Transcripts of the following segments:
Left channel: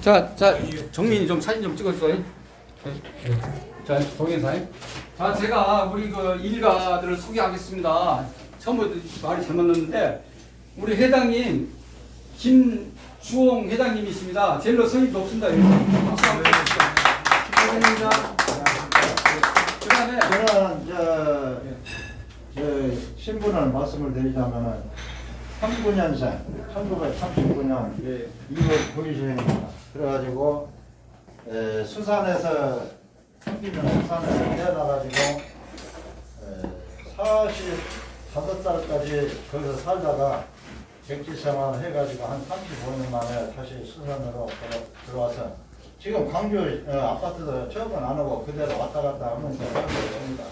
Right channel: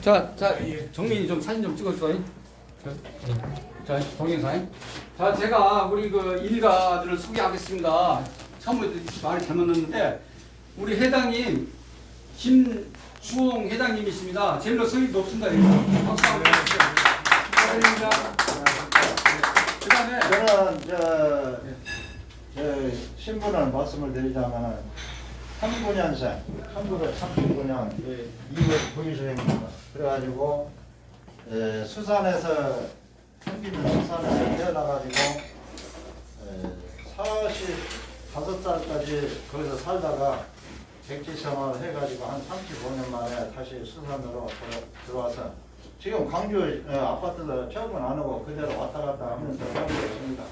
자, 자, 정민이 좀 사진 좀 찍어줘요. 자, 동영상. 자, 제가 우리 그 일가들을 소개하겠습니다. 처음부터 말이 잘못 넣었는데, 우리 회장님, 김주홍 회장님이십니다. 제일로 성이 높습니다. 박수 한번 주시죠. 축하드립니다. 그 다음에, 저는 저, 저 신분을 말씀을 드리자면은 39년생, 1939년 네. 2월 9일생입니다. 그래가지고 에, 수산에서 생기면 수산에서 태어나가지고 에, 45살까지 거기서 살다가 백지 생활을 해가지고 한 35년 만에 다시 수산으로 들어, 들어와서 지금 광주 어, 아파트도 적은 안 하고 그대로 왔다 갔다 하면서 살고 있습니다.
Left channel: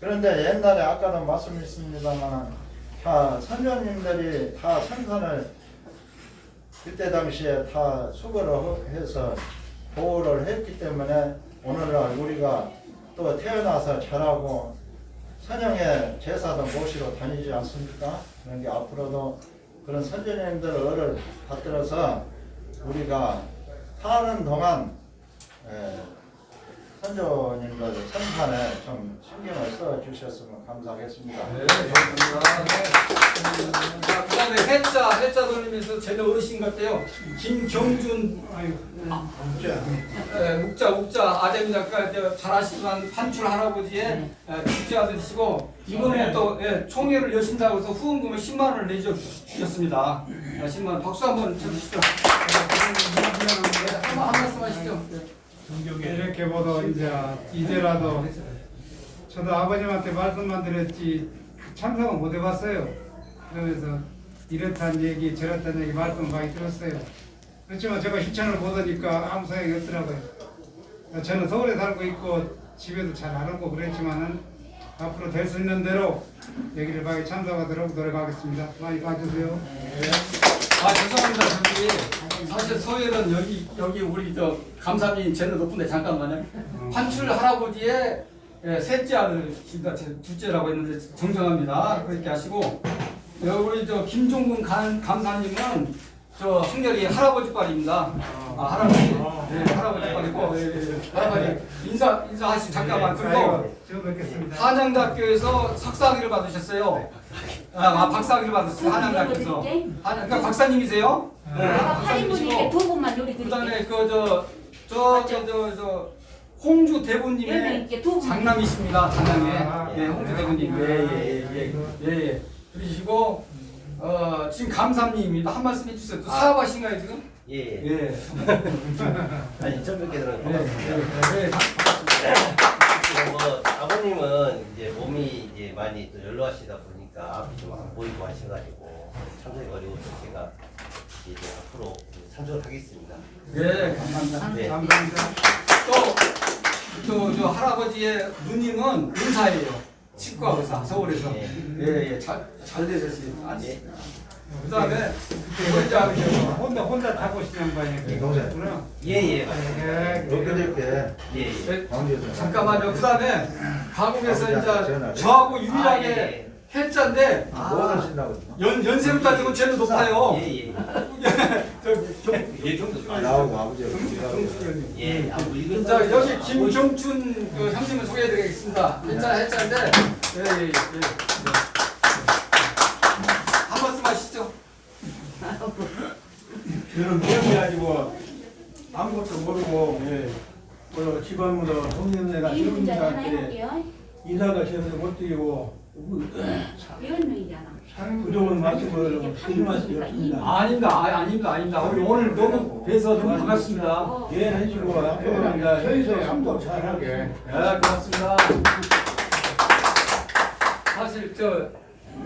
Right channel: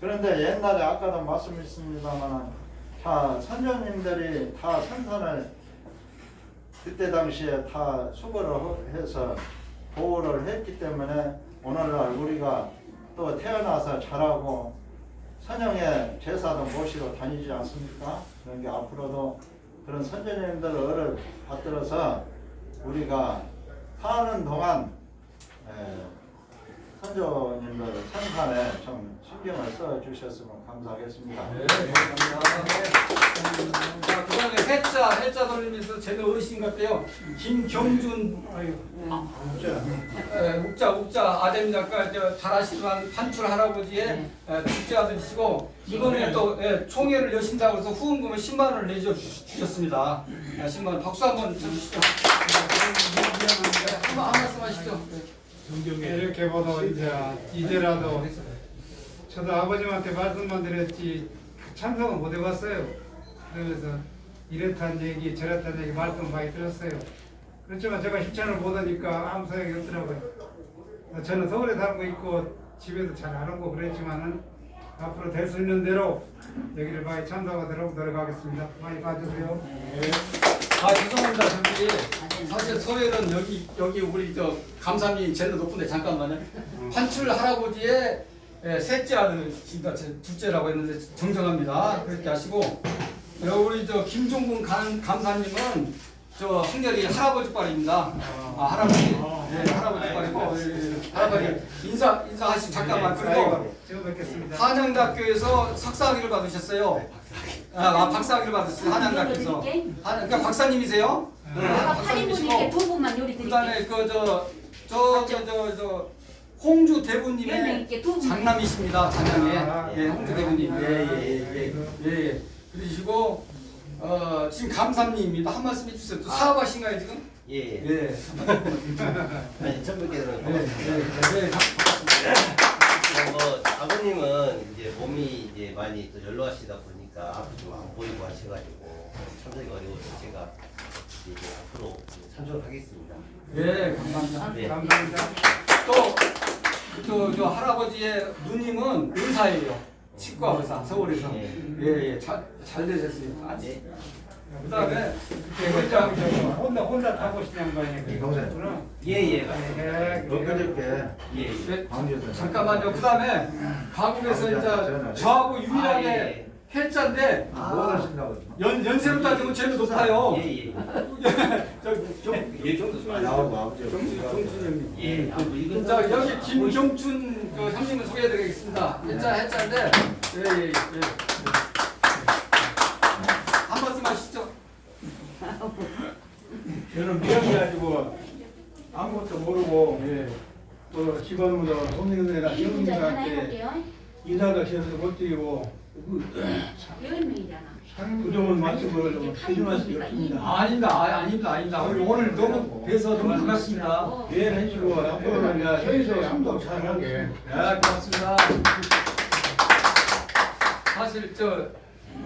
그런데 옛날에 아까도 말씀했습니다만 다 선조님들이 다 생산을 그때 당시에 다 수거를 호- 해서 보호를 했기 때문에 오늘날 우리가 또 태어나서 자라고 선영의 제사도 모시러 다니지 않습니까? 그런 게 앞으로도 그런 선조님들의 을을 받들어서 우리가 사는 동안 에, 선조님들 생산에 좀 신경을 써 주셨으면 감사하겠습니다. 네, 감사합니다. 네. 자, 그 다음에 해자, 해자 돌리면서 제일 어르신 같아요. 김경준, 아유, 예, 묵자 묵자 아됩니다. 그러니까 잘 아시지만 판출 할아버지의 어, 둘째 아들이시고 이번에 또 예, 총회를 여신다고 해서 후원금을 10만 원을 내줘 주- 주셨습니다. 예, 10만 원 박수 한번 쳐주시죠. 네, 한번 한 말씀 하시죠. 이렇게 보도 이제 이제라도 저도 아버님한테 말씀만 들었지 그 참석은 못 해봤어요. 그러면서 이렇다는 얘기 저렇다는 얘기 말씀 많이 들었어요. 그렇지만 제가 실천을 보다니까 아무 소용이 없더라고요. 저는 서울에 살고 있고 집에도 잘 안 오고 그랬지만은 앞으로 될 수 있는 대로 여기를 많이 참석하도록 노력하겠습니다. 많이 봐주세요. 아 죄송합니다 저기 사실 서열은 여기 여기 우리 저 감사님이 제일 높은데 잠깐만요. 판출 할아버지의 예, 셋째 아들입니다 제 둘째라고 했는데 정정합니다. 그렇게 하시고. 여 우리 저 김종근 감, 감사님은 저 학렬이 할아버지 빨입니다 아 할아버지 네 할아버지 빨이고 예, 예, 할아버지 인사 인사하시 잠깐만 그리고. 한양대학교에서 석사학위를 받으셨어요. 아, 아 박사학위를 받으셨어요. 한양대학교에서. 한, 그러니까 박사님이세요? 네, 박사님이시고. 분만 요리 드릴게요. 그다음에 그 저 저 저 저 저 홍주 대부님의. 장남이십니다. 장남에. 아, 예, 홍주 대부님. 예, 예, 예, 예, 예, 예. 그러시고 어, 지금 감사님입니다. 한 말씀 해주세요. 또 사업하신가요 지금? 예, 예. 예. 아니 처음 뵙게 들어 예, 반갑습니다. 예, 예. 지금 뭐 아버님은 이제 몸이 이제 많이 또 연로하시다 보니까 앞이 좀안 보이고 하셔가지고 참석이 어려워서 제가 이제 앞으로 참석을 하겠습니다. 예, 감사합니다. 네. 감사합니다. 또, 저, 저 할아버지의 누님은 의사예요. 치과 의사, 서울에서. 예. 예, 예, 잘, 잘 되셨습니다. 아, 네. 그 다음에, 혼자 혼자 혼자 타고 싶은 양반이 네, 동생. 그렇구나. 예, 예, 맞습니다. 예. 예, 예. 네, 광주에서. 잠깐만요. 그 다음에, 가국에서 전화해. 이제 저하고 아, 유일하게 예. 해자인데, 뭐 하신다고? 연, 연세로 따지면 높아요. 예, 예. 저기, 정, 예, 정도 아, 나오고 아버지가 정순 형님. 예, 아무 이거 자, 여기 김정춘 그 형님을 소개해드리겠습니다. 해자, 해자인데, 예, 예, 예. 예. 한 말씀 하시죠. 저는 미역해가지고 아무것도 모르고 예. 뭐 집안무도 홍련회나 이 문제 하나 이분들한테 해볼게요. 인사도 제대로 못 드리고 열 명이잖아. 말씀이 없습니다. 아닙니다. 아, 아닙니다. 아닙니다. 우리 오늘 너무 뵈서 너무 반갑습니다. 어. 이해를 해주고 앞으로는 이제 서에서 참석 잘하게 네, 고맙습니다. 사실 저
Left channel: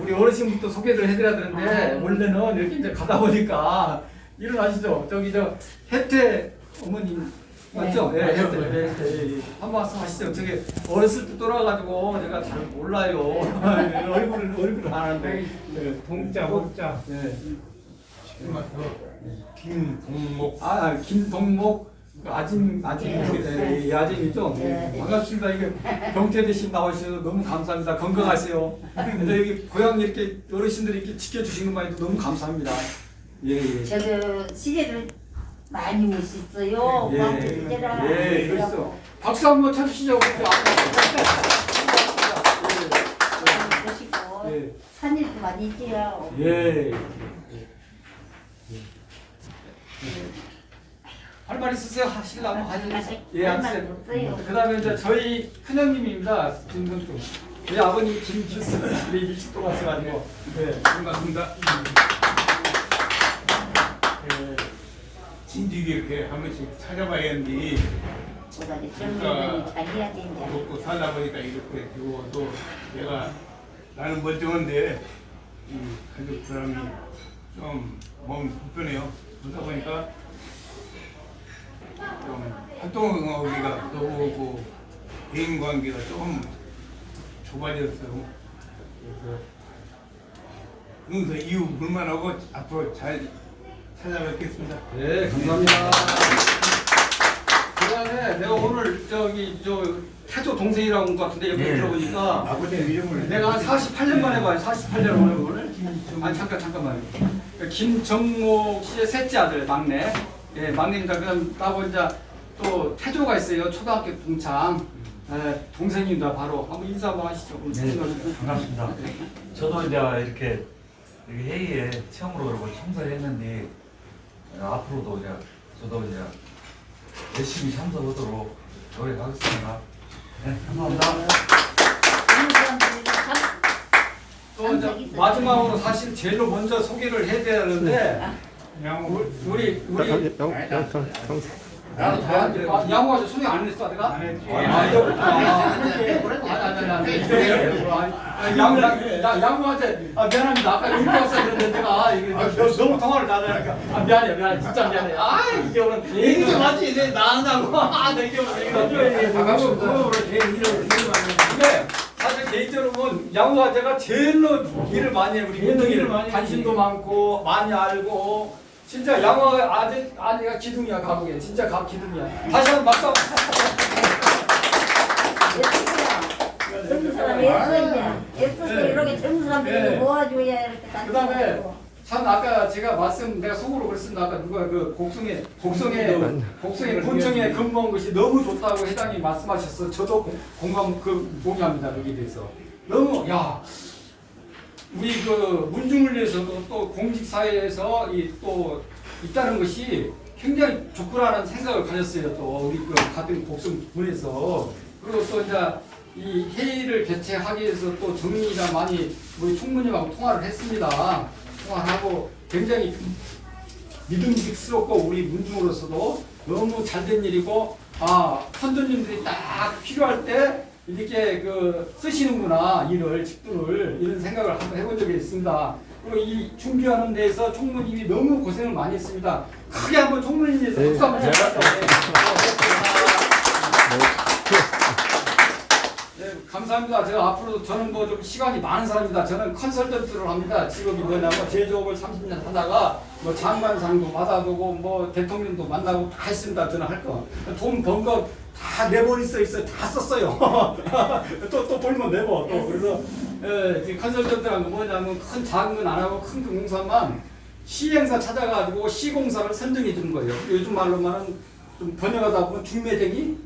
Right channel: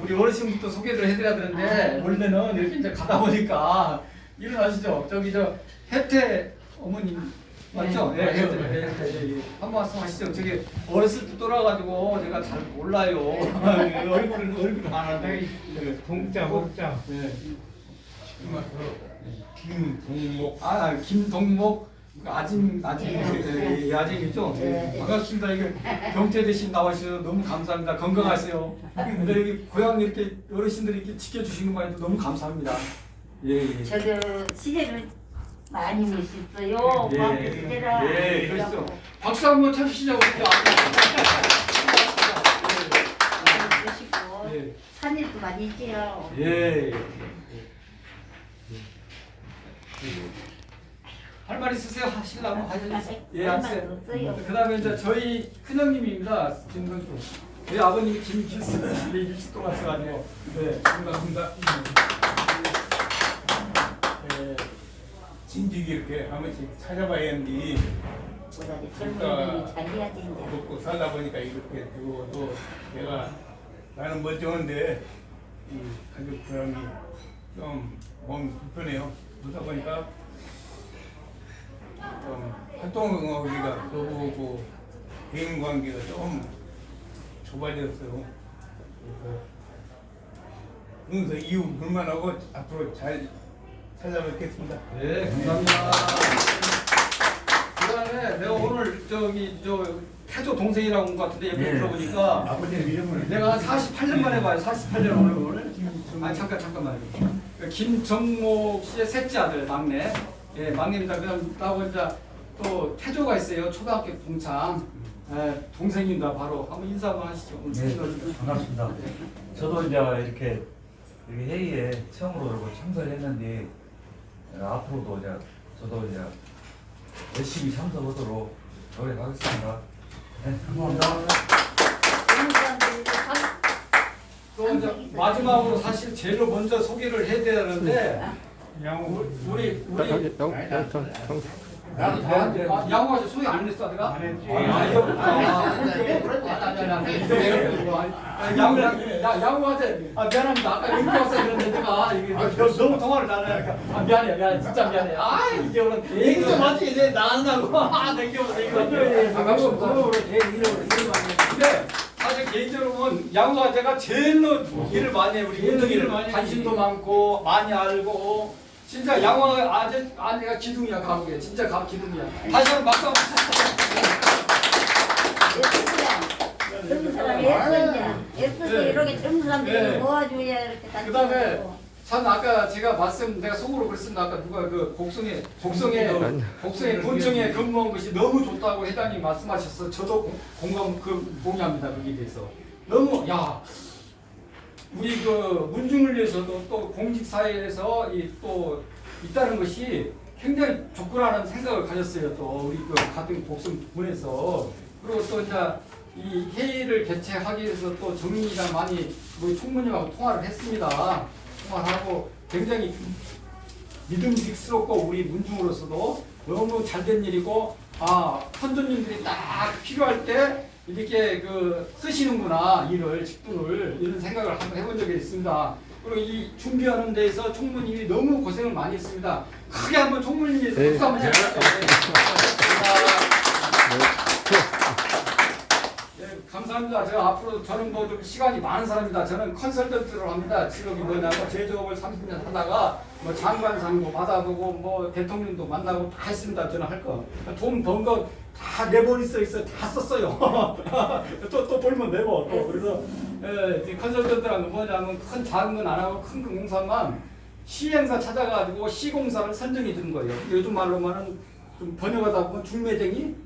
우리 어르신부터 소개를 해드려야 되는데 원래는 이렇게 이제 가다 보니까 일어나시죠. 저기 저 혜태 어머님 맞죠? 예. 예, 예, 예. 한 말씀 하시죠. 저기 어렸을 때 돌아가지고 제가 잘 몰라요. 얼굴을 얼굴을 안 하는데. 예. 동자 목자. 네. 김동목 아, 김동목 아진 아진 예, 예, 아진이죠. 네. 반갑습니다. 이게 경태 대신 나와주셔서 너무 감사합니다. 건강하세요. 근데 이게 고향 이렇게 어르신들이 이렇게 지켜주신 것만 해도 너무 감사합니다. 예, 예. 저도 시제를 많이 멋있어요. 예. 고맙고 이제라. 예, 그랬어. 박수 한번 쳐주시죠. 우리 멋있고 예. 산일도 많이 있지요. 예. 할말 있으세요? 하실라면 하실래요? 예, 할 하세요. 그 다음에 이제 저희 큰형님입니다. 김성주. 우리 아버님 김길수. 네, 일찍 또 왔어가지고. 네, 반갑습니다. 예, 진지게 이렇게 한 번씩 찾아봐야지 보다니 젊은 분이 잘 해야 된다. 먹고 살다 보니까 이렇게 되고 또 내가 나는 멀쩡한데 이 가족 사람이 좀 몸이 불편해요. 그러다 보니까 좀 활동하기가 그러고 대인 관계가 좀 좁아졌어요. 그래서 그래서 이유 불만하고 앞으로 잘 찾아뵙겠습니다. 네, 감사합니다. 그 다음에 내가 오늘 저기 저 태조 동생이라고 온 것 같은데 여기 들어보니까 아버님 이름을 내가 한 48년 만에 봐요. 48년 오늘 오늘. 아니 잠깐 잠깐만요. 그 김정목 씨의 셋째 아들 막내. 예, 막내입니다. 그다음 나하고 이제 또 태조가 있어요. 초등학교 동창. 예, 동생입니다. 바로 한번 인사 한번 하시죠. 오늘 네, 반갑습니다. 저도 이제 이렇게 여기 회의에 처음으로 그러고 참석을 했는데 어, 앞으로도 이제 저도 이제 열심히 참석하도록 노력하겠습니다. 네, 감사합니다. 또 이제 마지막으로 사실 제일 먼저 소개를 해야 되는데 우리 우리 나도 다 한- 아, 양호하죠. 소개 안 했어, 내가? 안 했지. 아, 이거 아, 그래도 아니 아니 아니 아니 이거 아니 양호 양 양호하지. 아 미안합니다. 아까 이렇게 왔어야 되는데 내가 이게 너무 통화를 잘하니까 아 미안해 미안해 진짜 미안해. 아 이게 오늘 얘기 좀 하지 내 나한다고 아 내게 오늘 반갑습니다. 근데 사실 개인적으로 보면 양호아 제가 제일로 일을 많이 해 우리 민동이를 많이 관심도 많고 많이 알고 진짜 양호아 아재 아내가 기둥이야 감옥에 진짜 감 기둥이야 다시 한번 박수. 젊은 사람이 예쁘냐. 예쁘지 네. 이렇게 젊은 사람들이 네. 모아줘야 이렇게 다 그다음에 지내고. 참 아까 제가 말씀 내가 속으로 그랬습니다 아까 누가 그 곡성에 곡성에 곡성에 본청에 근무한 것이 너무 좋다고 회장님 말씀하셨어 저도 공- 공감 그 동의합니다 거기에 대해서 너무 야 우리 그 문중을 위해서도 또 공직 사회에서 이 또 있다는 것이 굉장히 좋구나라는 생각을 가졌어요 또 우리 그 같은 곡성 분에서 그리고 또 이제 이 회의를 개최하기 위해서 또 정민이가 많이 우리 총무님하고 통화를 했습니다. 통화하고 굉장히 믿음직스럽고 우리 문중으로서도 너무 잘된 일이고 아 선조님들이 딱 필요할 때 이렇게 그 쓰시는구나 일을 직분을 이런 생각을 한번 해본 적이 있습니다. 그리고 이 준비하는 데에서 총무님이 너무 고생을 많이 했습니다. 크게 한번 총무님 위해서 박수 한번 쳐주세요. 감사합니다. 제가 앞으로 저는 뭐 좀 시간이 많은 사람입니다. 저는 컨설턴트를 합니다. 직업이 뭐냐면 제조업을 30년 하다가 뭐 장관상도 받아보고 뭐 대통령도 만나고 다 했습니다. 저는 할 거. 돈 번 거 다 내버리 써 있어요. 다 썼어요. 또 또 벌면 내버. 또 그래서 예, 컨설턴트란 건 뭐냐면 큰 작은 건 안 하고 큰 공사만 시행사 찾아가지고 시공사를 선정해 주는 거예요. 요즘 말로만은 좀 번역하다 보면 중매쟁이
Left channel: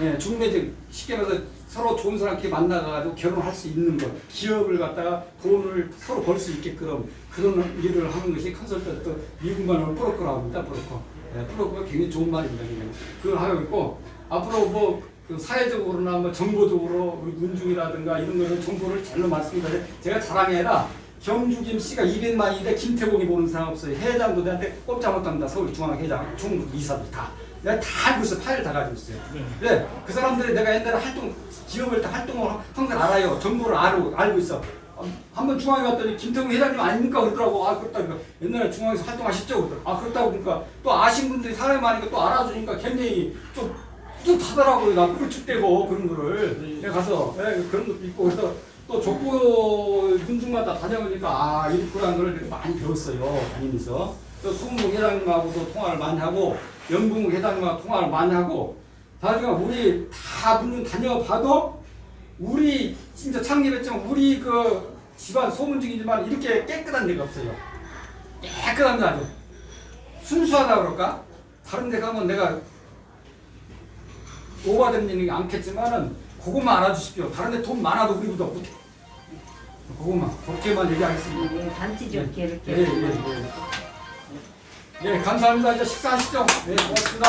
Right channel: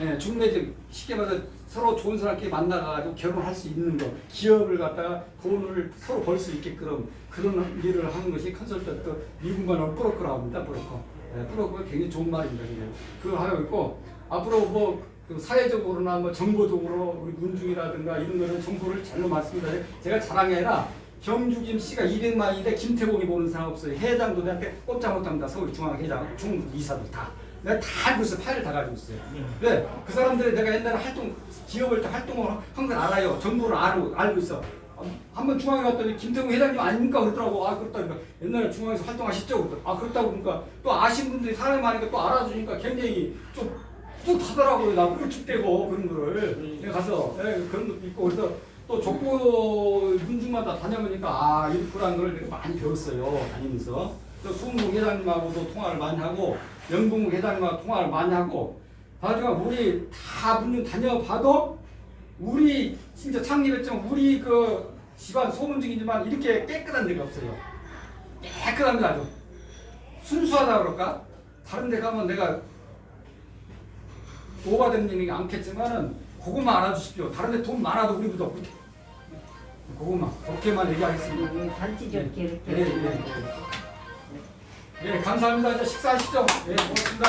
예, 중매직 쉽게 말해서 서로 좋은 사람끼리 만나가지고 결혼할 수 있는 것, 기업을 갖다가 돈을 서로 벌 수 있게끔 그런 일을 하는 것이 컨설턴트 미국 말로 브로커라고 합니다. 브로커. 예, 브로커가 굉장히 좋은 말입니다. 그걸 하고 있고 앞으로 뭐그 사회적으로나 뭐 정보적으로 우리 문중이라든가 이런 거는 정보를 잘로 많습니다. 제가 자랑이 아니라 경주김 씨가 200만인데 김태공이 보는 사람 없어요. 회장도 내한테 꼼짝 못합니다. 서울중앙회장, 총무 이사들 다. 내가 다 알고 있어. 파일 다 가지고 있어요. 네, 그 사람들이 내가 옛날에 활동, 기업을 때 활동을 한 걸 알아요. 정보를 알고, 알고 있어. 어, 한번 중앙에 갔더니 김태공 회장님 아닙니까? 그러더라고. 아, 그렇다. 그러니까 옛날에 중앙에서 활동하셨죠? 그랬더니 아, 그렇다고 그러니까 또 아신 분들이 사람이 많으니까 또 알아주니까 굉장히 좀 뿌듯하더라고요. 나 꿀축대고 그런 거를. 내가 가서 예, 그런 것도 있고 그래서 또 족보 문중마다 다녀보니까 아, 이렇구라는 걸 많이 배웠어요. 다니면서. 또 수문국 회장님하고도 통화를 많이 하고 영국 회장님과 통화를 많이 하고 다들 우리 다 문좀 다녀봐도 우리 진짜 창립했지만 우리 그 집안 소문 중이지만 이렇게 깨끗한 데가 없어요. 깨끗합니다 아주. 순수하다 그럴까? 다른 데 가면 내가 오바된 일이 않겠지만은 그것만 알아주십시오. 다른 데 돈 많아도 우리보다 못해. 그것만 그렇게만 얘기하겠습니다. 네, 단지 좋게 이렇게. 예, 예, 예. 예, 감사합니다. 이제 식사하시죠. 네, 고맙습니다.